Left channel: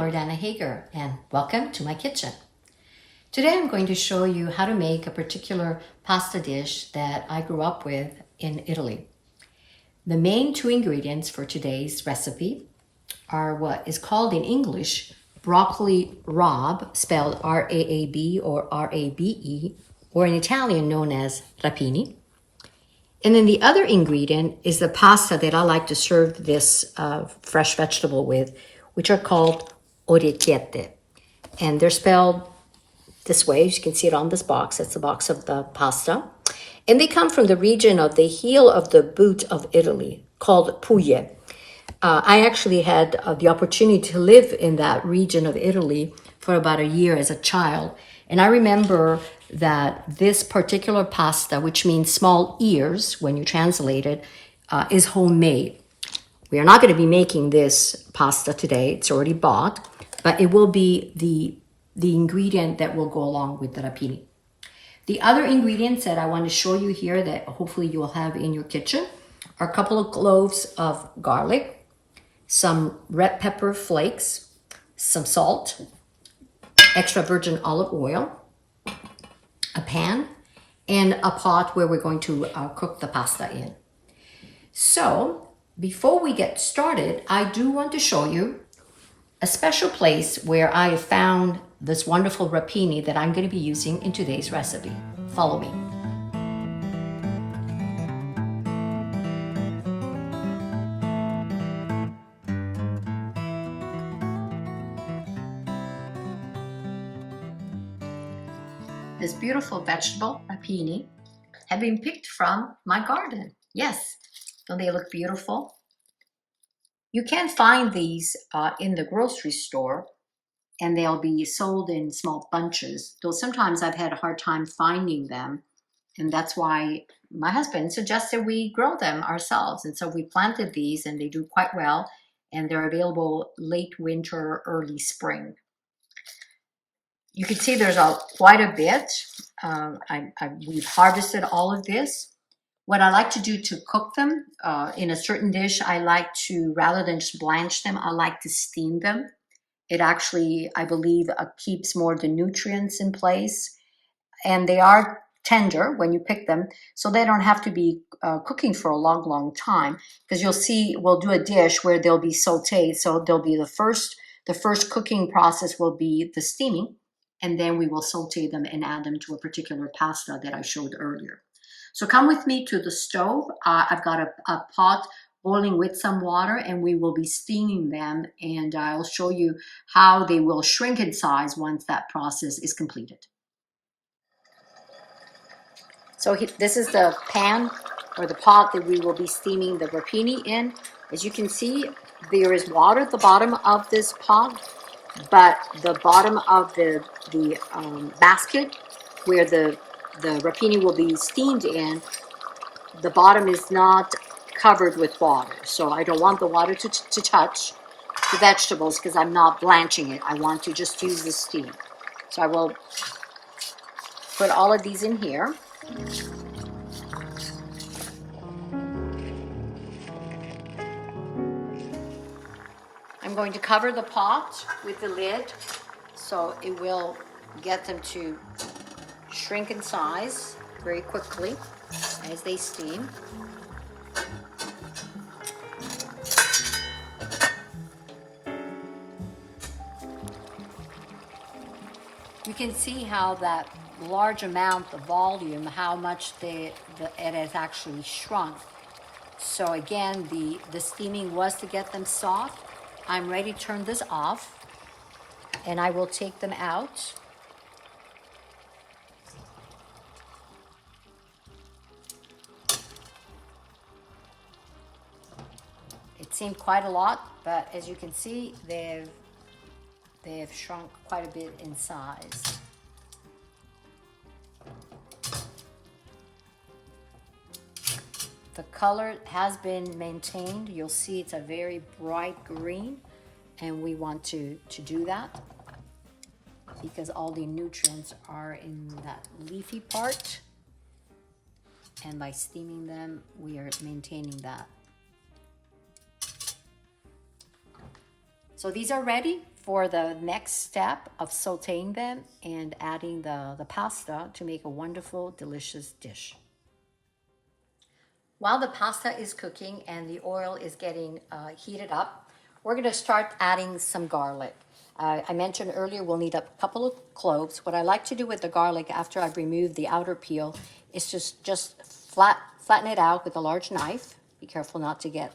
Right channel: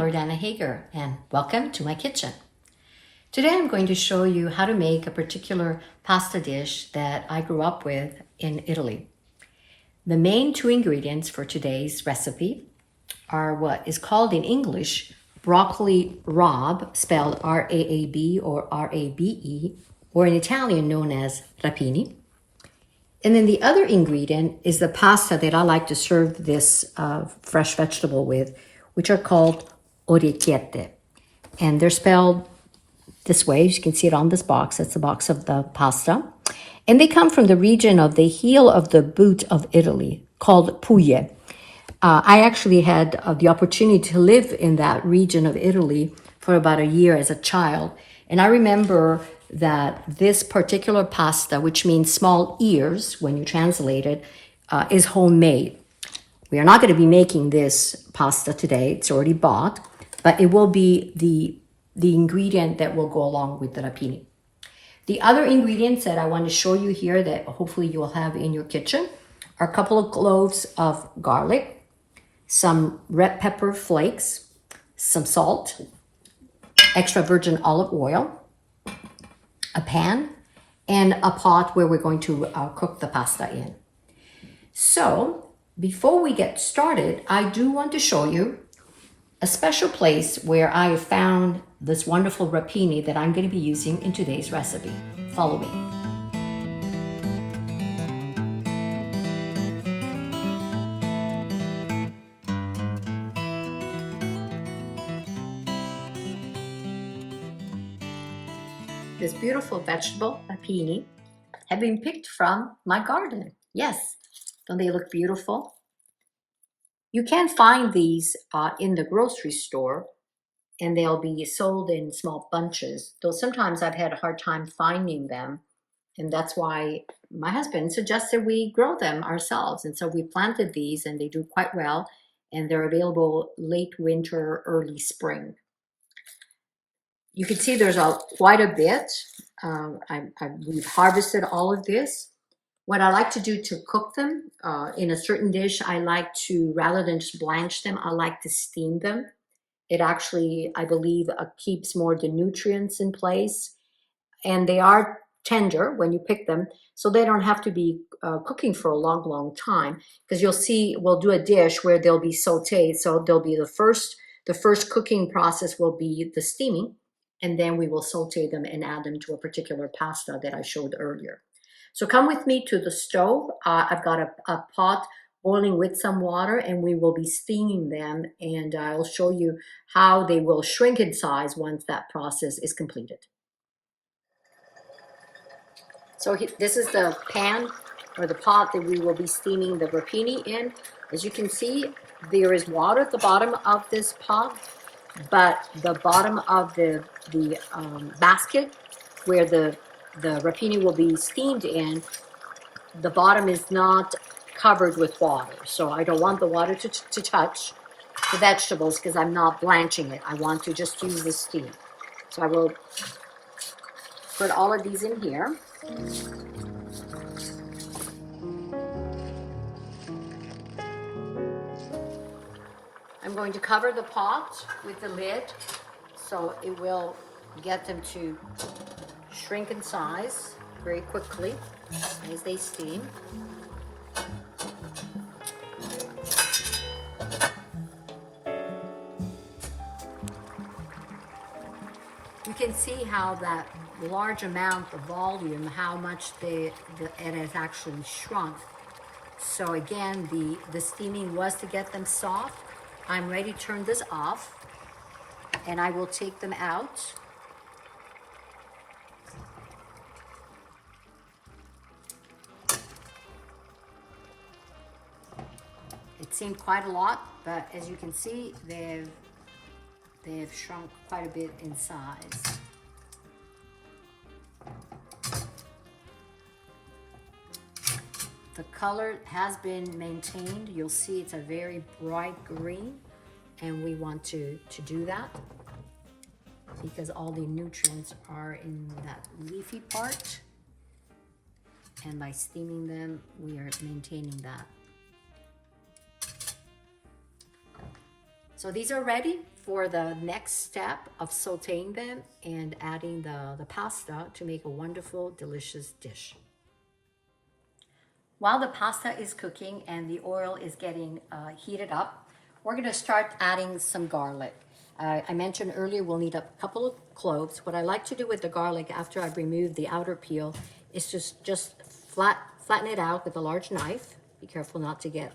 Loredana Hager, and welcome to my kitchen. Today I'm going to show you how to make a particular pasta dish that I grew up with in Italy. The main two ingredients for today's recipe are what is called in English broccoli rabe, spelled R-A-A-B or R-A-B-E, or in Italian known as rapini. And then the other ingredient is the pasta that I like to serve this fresh vegetable with, which are called orecchiette. And they're spelled this way. As you can see it on this box. It's the box of the pasta. And they come from the region of the heel of the boot of Italy called Puglia. I actually had the opportunity to live in that region of Italy for about a year as a child. And I remember that this particular pasta, which means small ears when you translate it, is homemade. We are not going to be making this pasta today. It's already bought, but it will be the ingredient that will go along with the rapini. The other ingredients that I want to show you here that hopefully you will have in your kitchen are a couple of cloves of garlic, some red pepper flakes, some salt, extra virgin olive oil, a pan, and a pot where we're going to cook the pasta in. So before we get started, I do want to show you a special place where I have found this wonderful rapini that I'm going to be using in today's recipe. Follow me. This beautiful vegetable, rapini, have been picked from my garden. Yes, don't they look beautiful? You can find these in the grocery store, and they'll be sold in small bunches, though sometimes I've had a hard time finding them, and that's why my husband suggested we grow them ourselves. And so we planted these, and they do quite well, and they're available late winter, early spring. You can see there's quite a bit. We've harvested all of this. What I like to do to cook them in a certain dish, I like to, rather than just blanch them, I like to steam them. It actually, I believe, keeps more of the nutrients in place. And they are tender when you pick them, so they don't have to be cooking for a long, long time. Because you'll see, we'll do a dish where they'll be sauteed. So they'll be the first cooking process will be the steaming, and then we will saute them and add them to a particular pasta that I showed earlier. So come with me to the stove. I've got a pot boiling with some water, and we will be steaming them, and I'll show you how they will shrink in size once that process is completed. So this is the pan or the pot that we will be steaming the rapini in. As you can see, there is water at the bottom of this pot, but the bottom of the basket where the rapini will be steamed in, the bottom is not covered with water. So I don't want the water to touch the vegetables because I'm not blanching it. I want to just use the steam. So I will put all of these in here. I'm going to cover the pot with the lid so it will get them to shrink in size very quickly as they steam. You can see how that large amount of volume, how much it has actually shrunk. So again, the steaming was to get them soft. I'm ready to turn this off, and I will take them out. It seemed quite a lot, but as you can see, they have shrunk quite a bit in size. The color has been maintained. You'll see it's a very bright green, and we want to do that because all the nutrients are in that leafy part, and by steaming them, we are maintaining that. So these are ready for the next step of sauteing them and adding the pasta to make a wonderful, delicious dish. While the pasta is cooking and the oil is getting heated up, we're gonna start adding some garlic. I mentioned earlier we'll need a couple of cloves. What I like to do with the garlic after I've removed the outer peel is just flatten it out with a large knife. Be careful not to get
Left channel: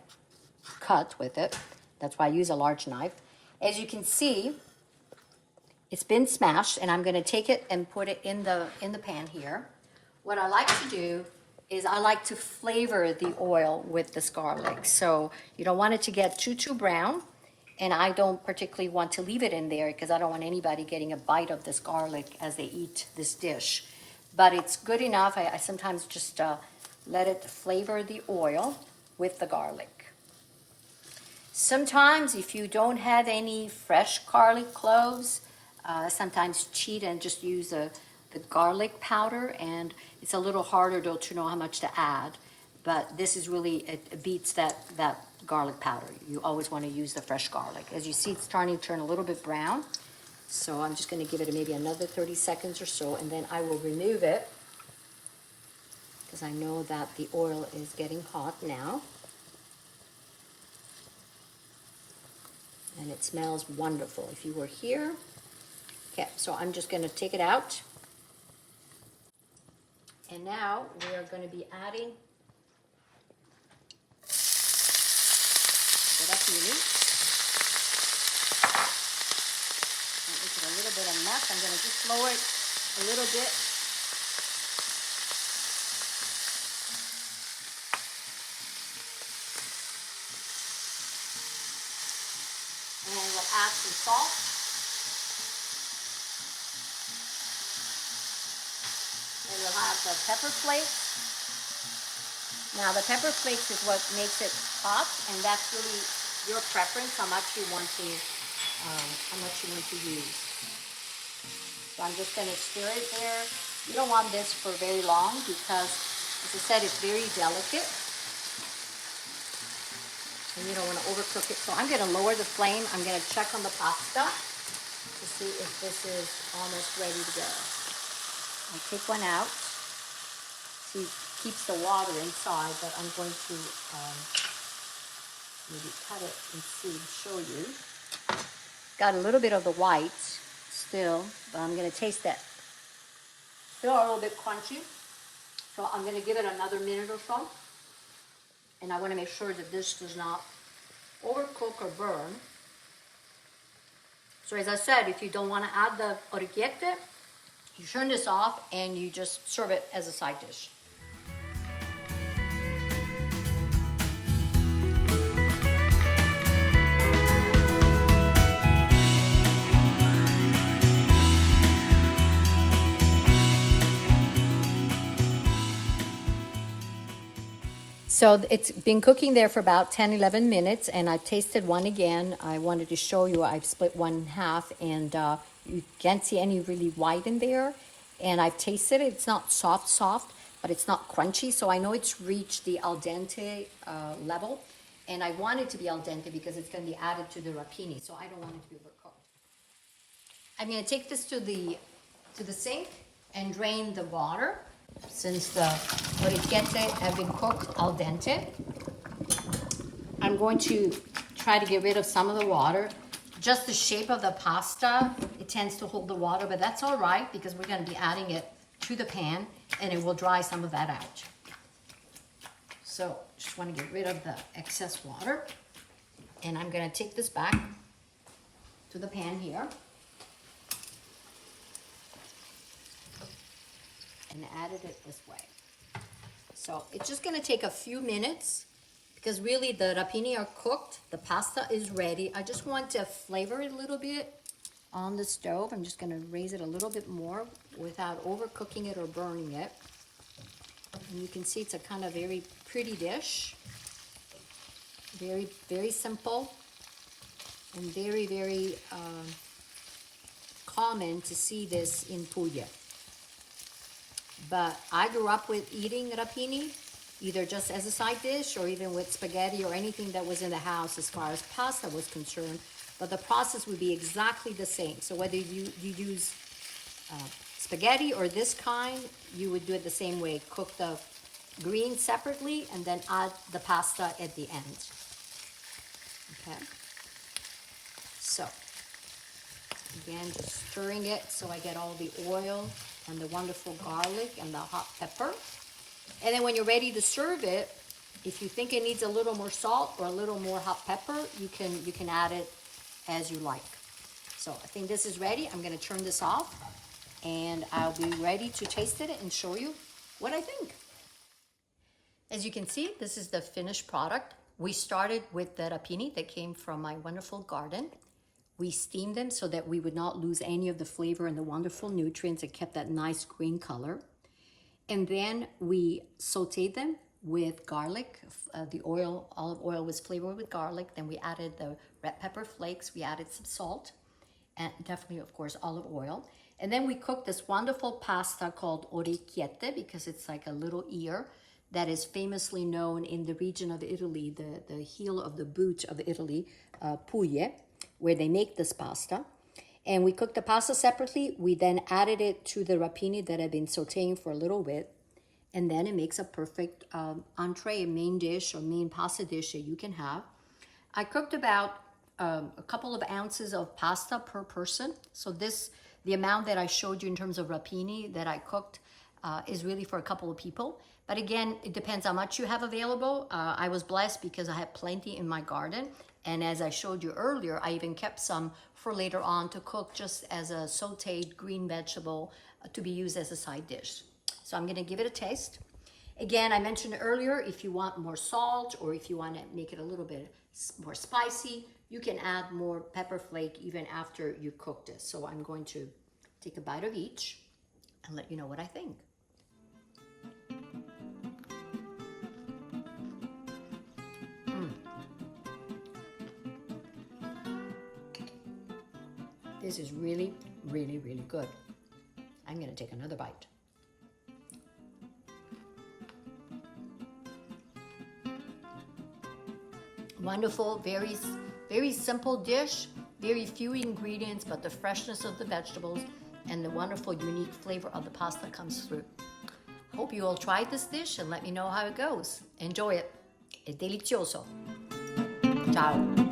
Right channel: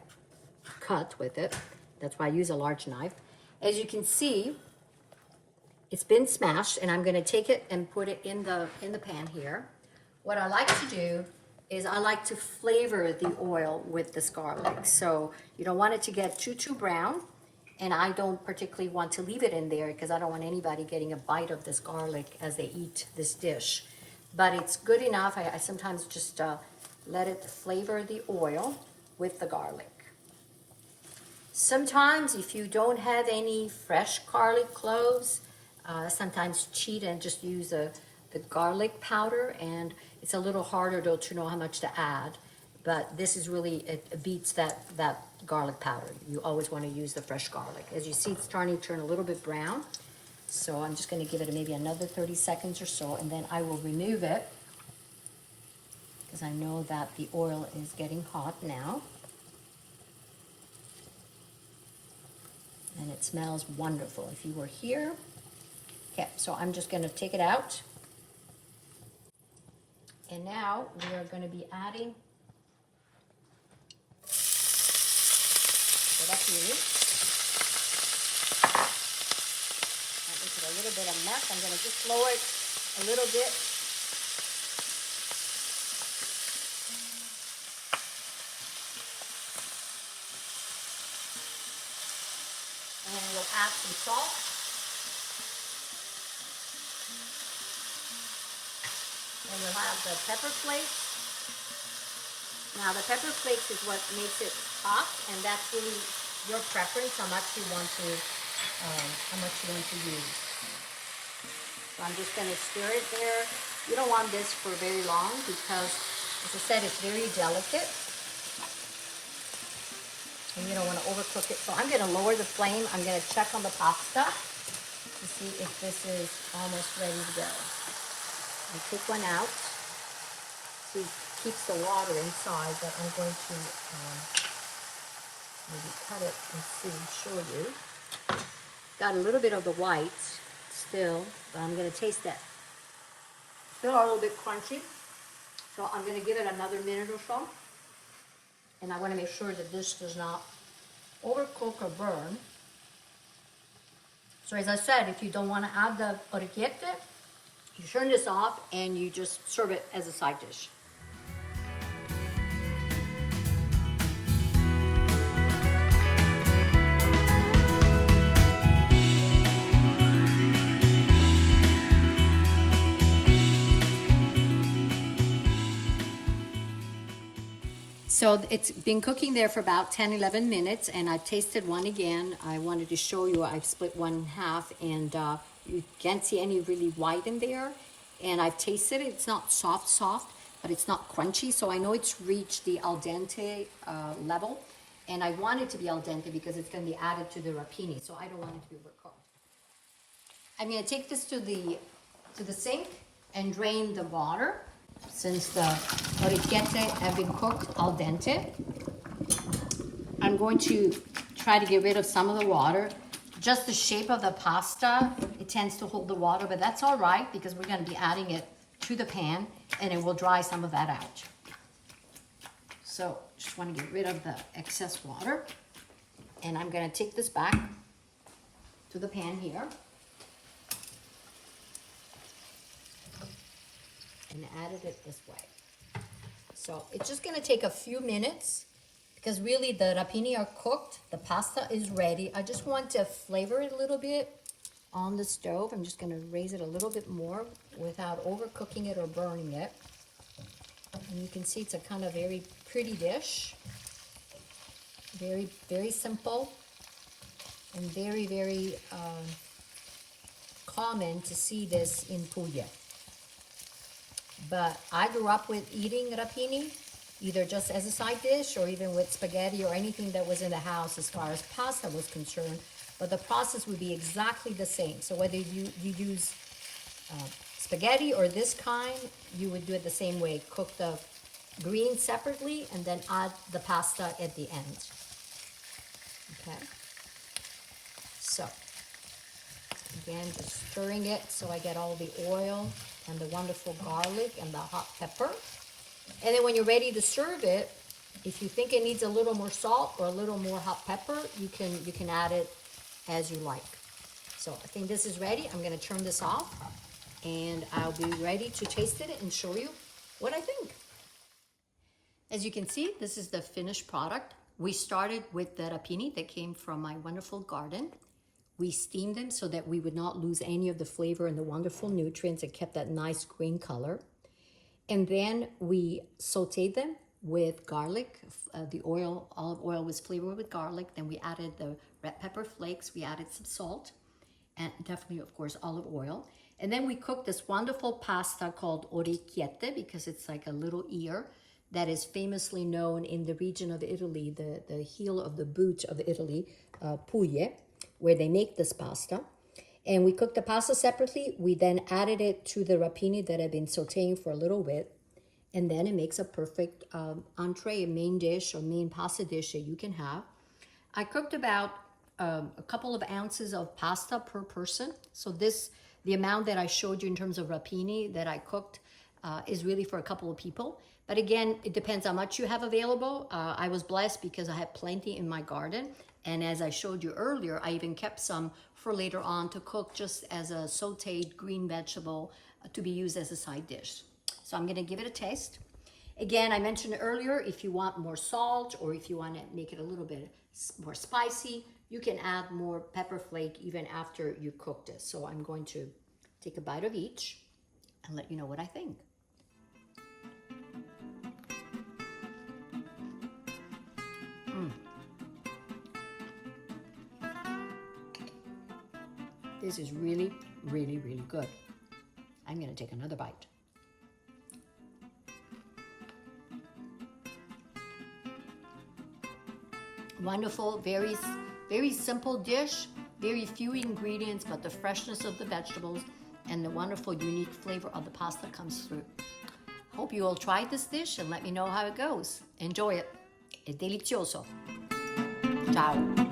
cut with it. That's why I use a large knife. As you can see, it's been smashed, and I'm gonna take it and put it in the pan here. What I like to do is I like to flavor the oil with this garlic. So you don't want it to get too brown, and I don't particularly want to leave it in there because I don't want anybody getting a bite of this garlic as they eat this dish. But it's good enough. I sometimes just let it flavor the oil with the garlic. Sometimes if you don't have any fresh garlic cloves, sometimes cheat and just use the garlic powder, and it's a little harder though to know how much to add, but this is really, it beats that garlic powder. You always want to use the fresh garlic. As you see, it's starting to turn a little bit brown, so I'm just going to give it maybe another 30 seconds or so, and then I will remove it because I know that the oil is getting hot now. And it smells wonderful. If you were here, okay, so I'm just going to take it out. And now we are going to be adding the rapini. It's a little bit of mess. I'm going to just lower it a little bit. And then we'll add some salt. And we'll have the pepper flakes. Now the pepper flakes is what makes it hot, and that's really your preference how much you want to use. So I'm just going to stir it there. You don't want this for very long because, as I said, it's very delicate. And you don't want to overcook it. So I'm going to lower the flame. I'm going to check on the pasta to see if this is almost ready to go. I take one out. See, it keeps the water inside, but I'm going to maybe cut it and show you. Got a little bit of the white still, but I'm going to taste it. Still a little bit crunchy. So I'm going to give it another minute or so. And I want to make sure that this does not overcook or burn. So as I said, if you don't want to add the orecchiette, you turn this off and you just serve it as a side dish. So it's been cooking there for about 10-11 minutes, and I've tasted one again. I wanted to show you I've split one in half, and you can't see any really white in there. And I've tasted it. It's not soft, but it's not crunchy, so I know it's reached the al dente level. And I want it to be al dente because it's going to be added to the rapini, so I don't want it to be overcooked. I'm going to take this to the sink and drain the water. Since the orecchiette have been cooked al dente, I'm going to try to get rid of some of the water. Just the shape of the pasta, it tends to hold the water, but that's all right because we're going to be adding it to the pan and it will dry some of that out. So just want to get rid of the excess water, and I'm going to take this back to the pan here. And added it this way. So it's just going to take a few minutes because really the rapini are cooked. The pasta is ready. I just want to flavor it a little bit on the stove. I'm just going to raise it a little bit more without overcooking it or burning it. And you can see it's a kind of very pretty dish. Very, very simple and very, very common to see this in Puglia. But I grew up with eating rapini, either just as a side dish or even with spaghetti or anything that was in the house as far as pasta was concerned. but the process would be exactly the same. So whether you use spaghetti or this kind, you would do it the same way. Cook the greens separately and then add the pasta at the end. Okay. So again, just stirring it so I get all the oil and the wonderful garlic and the hot pepper. And then when you're ready to serve it, if you think it needs a little more salt or a little more hot pepper, you can add it as you like. So I think this is ready. I'm going to turn this off and I'll be ready to taste it and show you what I think. As you can see, this is the finished product. We started with the rapini that came from my wonderful garden. We steamed them so that we would not lose any of the flavor and the wonderful nutrients. It kept that nice green color. And then we sauteed them with garlic. The oil, olive oil was flavored with garlic. Then we added the red pepper flakes. We added some salt and definitely, of course, olive oil. And then we cooked this wonderful pasta called Orecchiette because it's like a little ear that is famously known in the region of Italy, the heel of the boot of Italy, Puglia, where they make this pasta. And we cooked the pasta separately. We then added it to the rapini that had been sauteing for a little bit. And then it makes a perfect entree, a main dish or main pasta dish that you can have. I cooked about a couple of ounces of pasta per person. So the amount that I showed you in terms of rapini that I cooked is really for a couple of people. But again, it depends how much you have available. I was blessed because I had plenty in my garden. And as I showed you earlier, I even kept some for later on to cook just as a sauteed green vegetable to be used as a side dish. So I'm gonna give it a taste. Again, I mentioned earlier, if you want more salt or if you want to make it a little bit more spicy, you can add more pepper flake even after you cook this. So I'm going to take a bite of each and let you know what I think. This is really, really, really good. I'm gonna take another bite. Wonderful, very, very simple dish, very few ingredients, but the freshness of the vegetables and the wonderful, unique flavor of the pasta comes through. Hope you all tried this dish and let me know how it goes. Enjoy it. È delizioso. Ciao.